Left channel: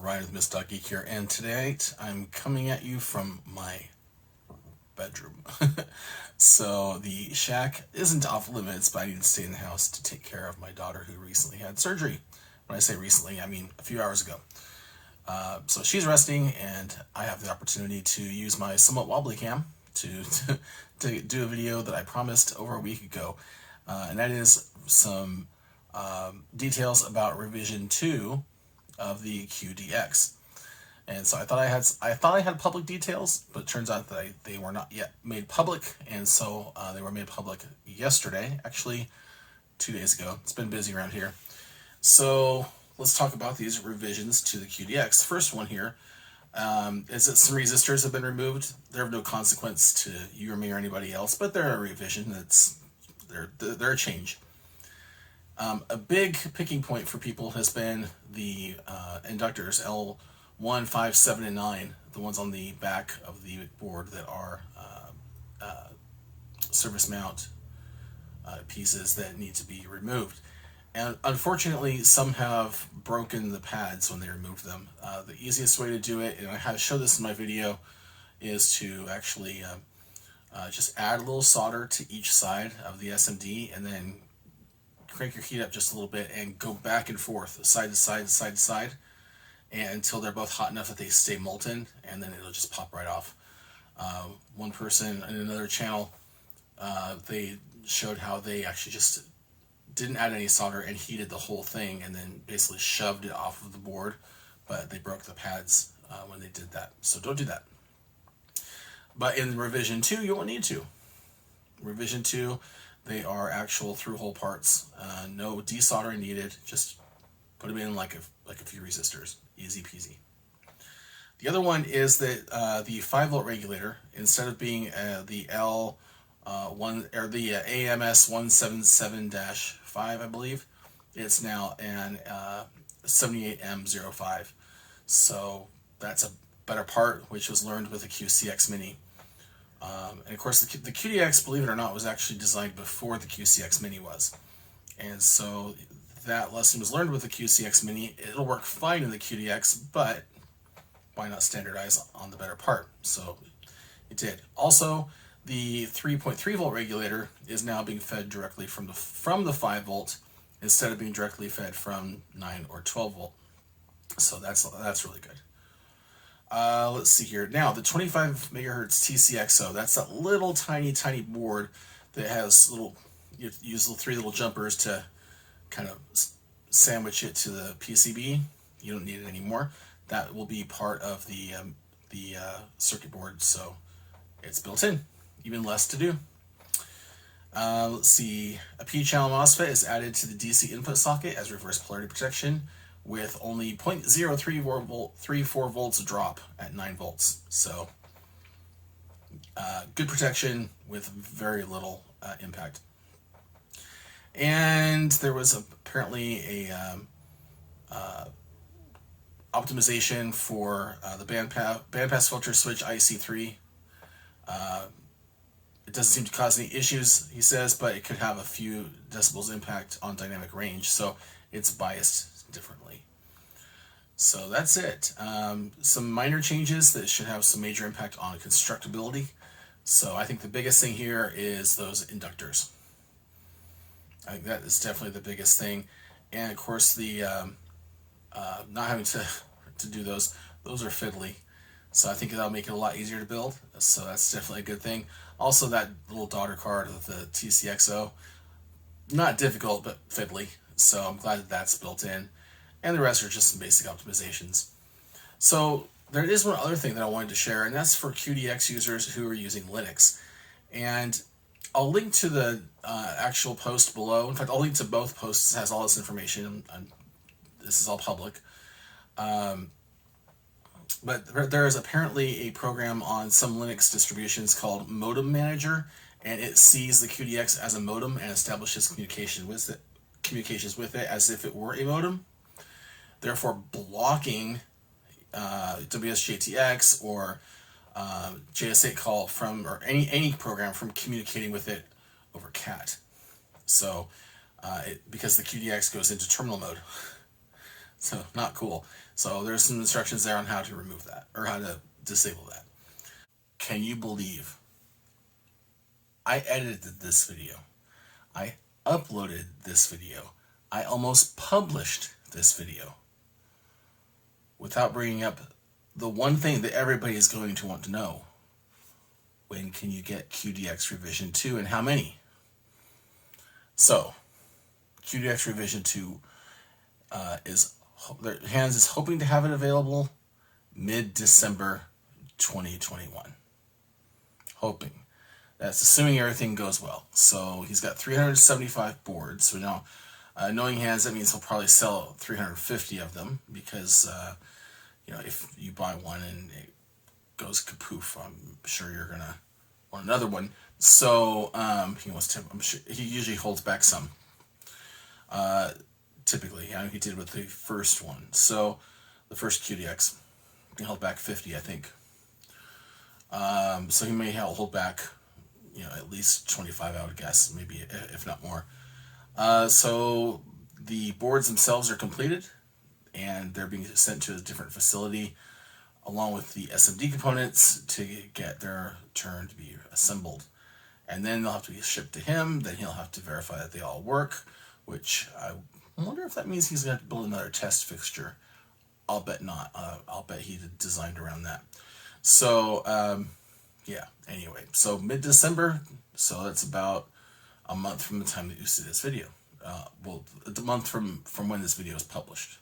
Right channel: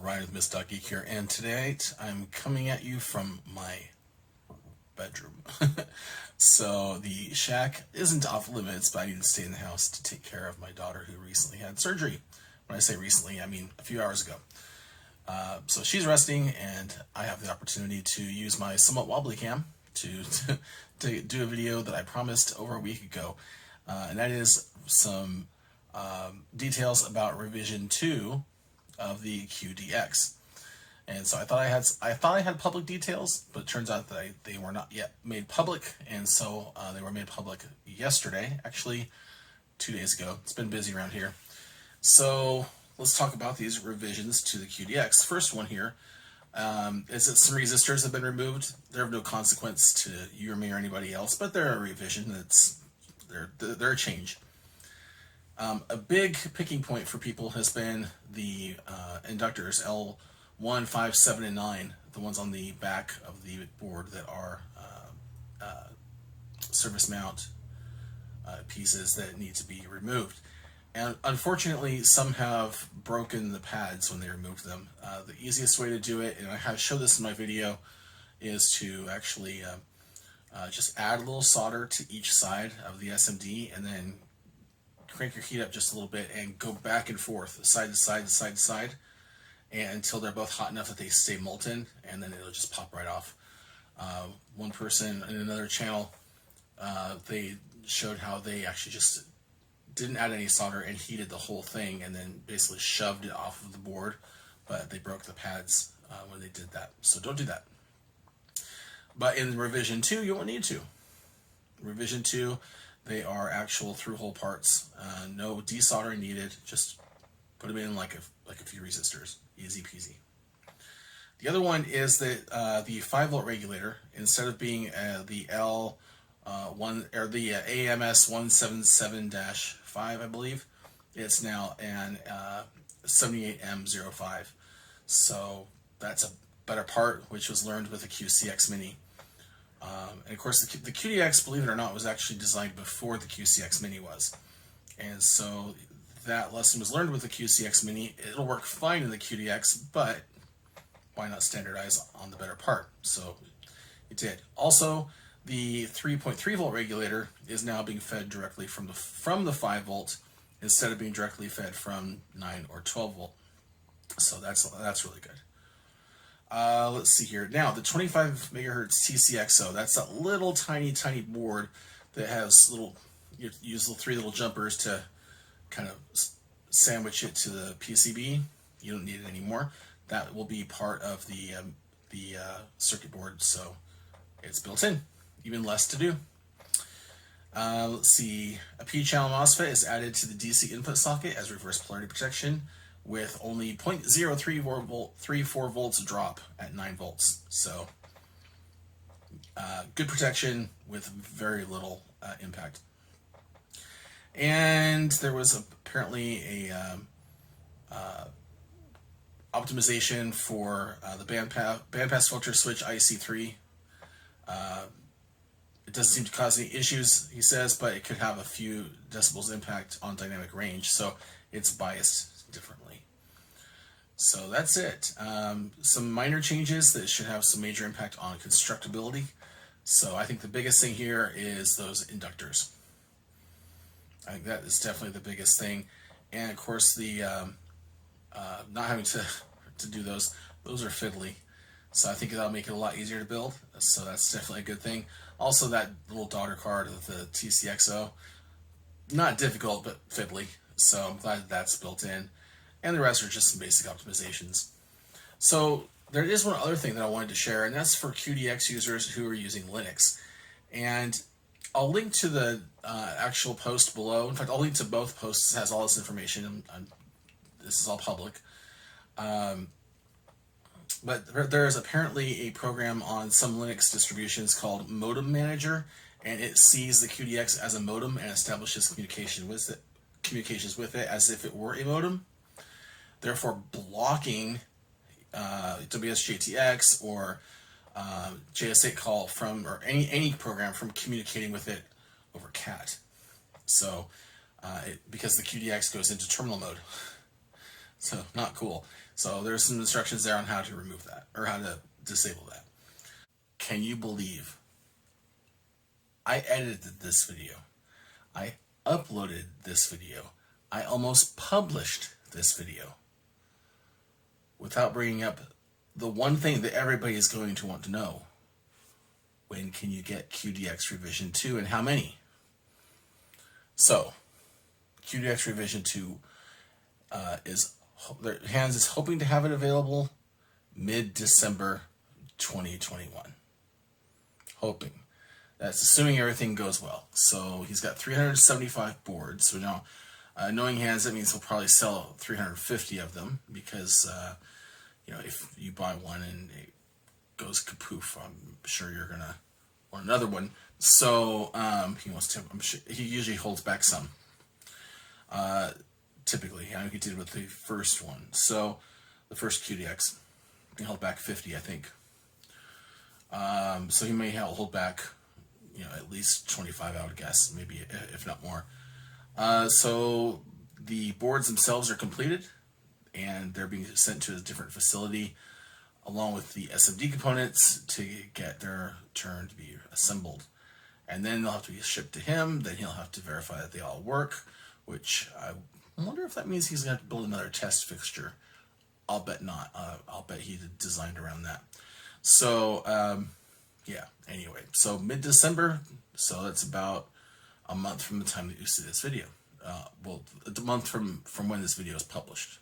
Ryan with Miss.Geek here, and tonight I'm coming at you from my bedroom. So the shack isn't off limits, but I need to stay in the house to take care of my daughter who recently had surgery. When I say recently, I mean a few hours ago. So she's resting, and I have the opportunity to use my somewhat wobbly cam to do a video that I promised over a week ago, and that is some details about revision 2 of the QDX. And so I thought I had public details, but it turns out that they were not yet made public, and so they were made public yesterday, actually 2 days ago. It's been busy around here. So let's talk about these revisions to the QDX. First one here is that some resistors have been removed. They're of no consequence to you or me or anybody else, but they're a revision. They're a change. A big picking point for people has been the inductors L1, 5, 7, and 9, the ones on the back of the board that are surface mount pieces that need to be removed. And unfortunately, some have broken the pads when they removed them. The easiest way to do it, and I have showed this in my video, is to actually just add a little solder to each side of the SMD, and then crank your heat up just a little bit and go back and forth, side to side, side to side, and until they're both hot enough that they stay molten, and then it'll just pop right off. One person in another channel, they showed how they actually just didn't add any solder and heated the whole thing and then basically shoved it off of the board, but they broke the pads when they did that. So don't do that. But in revision 2, you won't need to. Revision 2, they are actual through-hole parts. No desoldering needed. Just put them in like a few resistors. Easy peasy. The other one is that the 5-volt regulator, instead of being the L1 or the AMS 177-5, I believe, it's now an 78M05. So that's a better part, which was learned with the QCX Mini. And of course, the QDX, believe it or not, was actually designed before the QCX Mini was. And so that lesson was learned with the QCX Mini. It'll work fine in the QDX, but why not standardize on the better part? So it did. Also, the 3.3 volt regulator is now being fed directly from the 5 volt instead of being directly fed from 9 or 12 volt. So that's really good. Let's see here. Now, the 25 megahertz Tcxo, that's that little tiny board that has you use three little jumpers to kind of sandwich it to the PCB. You don't need it anymore. That will be part of the circuit board, so it's built in. Even less to do. Let's see. A P-channel MOSFET is added to the DC input socket as reverse polarity protection, with only 0.034 volts drop at 9 volts. So good protection with very little impact. And there was apparently a optimization for the bandpass filter switch IC3. It doesn't seem to cause any issues, he says, but it could have a few decibels impact on dynamic range, so it's biased differently. So that's it. Some minor changes that should have some major impact on constructability. So I think the biggest thing here is those inductors. I think that is definitely the biggest thing. And of course, the not having to do those are fiddly. So I think that'll make it a lot easier to build. So that's definitely a good thing. Also, that little daughter card of the Tcxo, not difficult, but fiddly. So I'm glad that that's built in. And the rest are just some basic optimizations. So there is one other thing that I wanted to share, and that's for QDX users who are using Linux. And I'll link to the actual post below. In fact, I'll link to both posts. It has all this information. This is all public. But there is apparently a program on some Linux distributions called Modem Manager, and it sees the QDX as a modem and establishes communications with it as if it were a modem, therefore blocking WSJTX or JS8 call from, or any program from communicating with it over CAT. So because the QDX goes into terminal mode. So not cool. So there's some instructions there on how to remove that, or how to disable that. Can you believe I edited this video? I uploaded this video. I almost published this video without bringing up the one thing that everybody is going to want to know. When can you get QDX Revision 2 and how many? So, QDX Revision 2 Hans is hoping to have it available mid-December 2021. Hoping. That's assuming everything goes well. So he's got 375 boards. So now, knowing Hans, that means he'll probably sell 350 of them because, if you buy one and it goes kapoof, I'm sure you're gonna want another one. So he wants to. I'm sure he usually holds back some. Typically, he did with the first one. So the first QDX, he held back 50, I think. So he may hold back, at least 25, I would guess, maybe if not more. So the boards themselves are completed, and they're being sent to a different facility, along with the SMD components to get their turn to be assembled. And then they'll have to be shipped to him. Then he'll have to verify that they all work, which I wonder if that means he's going to build another test fixture. I'll bet not. I'll bet he designed around that. So, yeah, anyway. So mid-December, so that's about a month from the time that you see this video. Well, a month from when this video is published.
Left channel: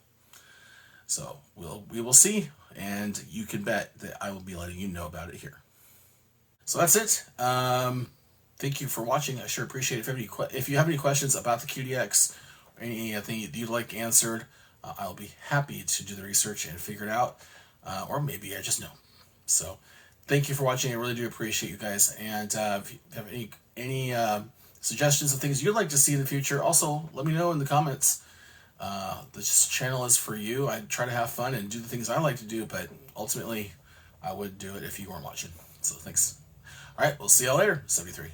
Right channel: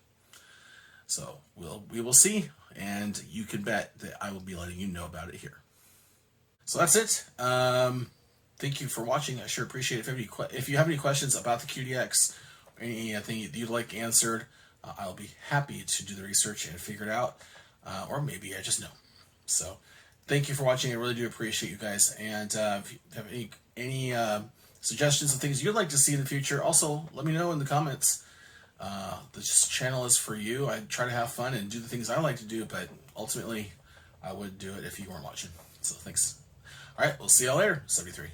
So we will see, and you can bet that I will be letting you know about it here. So that's it. Thank you for watching. I sure appreciate it. If you have any questions about the QDX, or anything you'd like answered, I'll be happy to do the research and figure it out, or maybe I just know. So thank you for watching. I really do appreciate you guys. And if you have any suggestions of things you'd like to see in the future, also let me know in the comments. This channel is for you. I try to have fun and do the things I like to do, but ultimately I would do it if you weren't watching. So thanks. All right, we'll see y'all later. 73.